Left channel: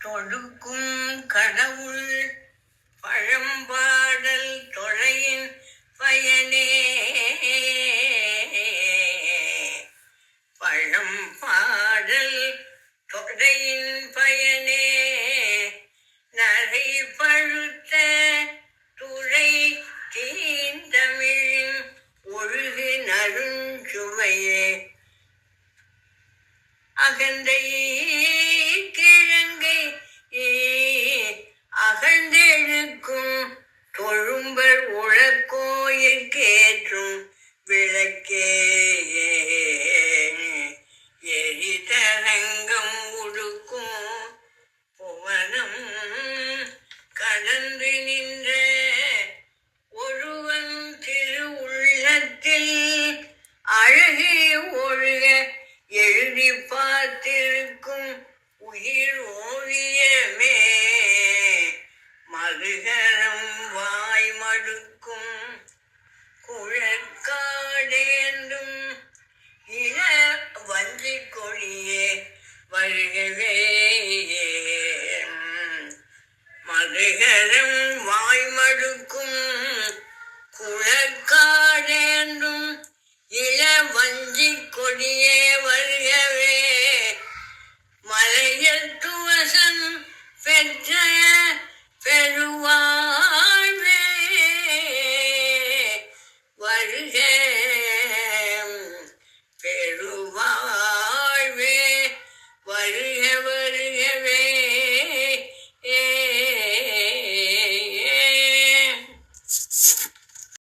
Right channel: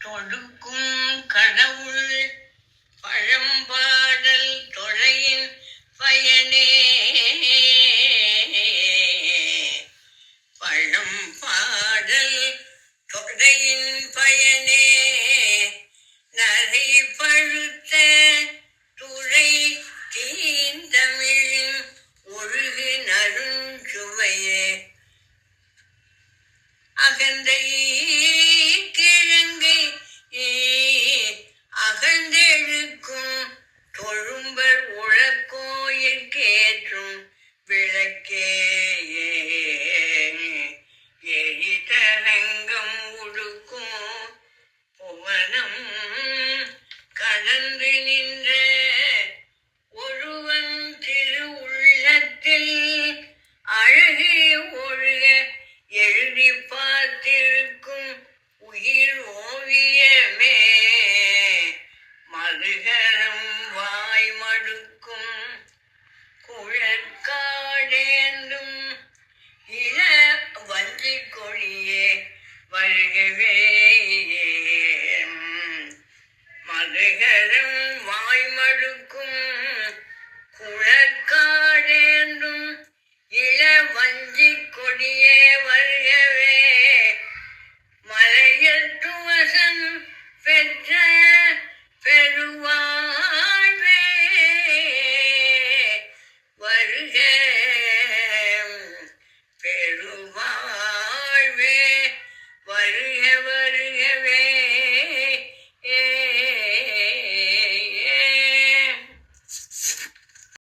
தொடுக்கும் கடவுள் பழம்பாடல் தொழையின் பயனே பழம்பாடல் தொடையின் பயனே நரை பழுத்த துறை தீந்தமிழின் ஒழுகு நறுஞ்சுவையே அகந்தை கிழங்கை அகழ்ந்தெழுக்கும் தொழும்பர் உழக்கோயிற்கேற்றும் விளக்கே எரிதரங்கம் உடுக்கும் புவனம் கடந்து நின்ற ஒருவன் திரு உள்ளத்தில் அழகே ஒழுக எழுதி பார்த்திருக்கும் உயிர் ஓவியமே மதுகரம் வாய் மடுக்கும் குழற்காடேந்தும் இள வஞ்சி கொடியே வருகவே மதுகரம் வாய் மடுக்கும் குழற்காடேந்தும் இள வஞ்சி கொடியே வருகவே மலையத்துவசன் பெற்ற பெருவாழ்வே வருக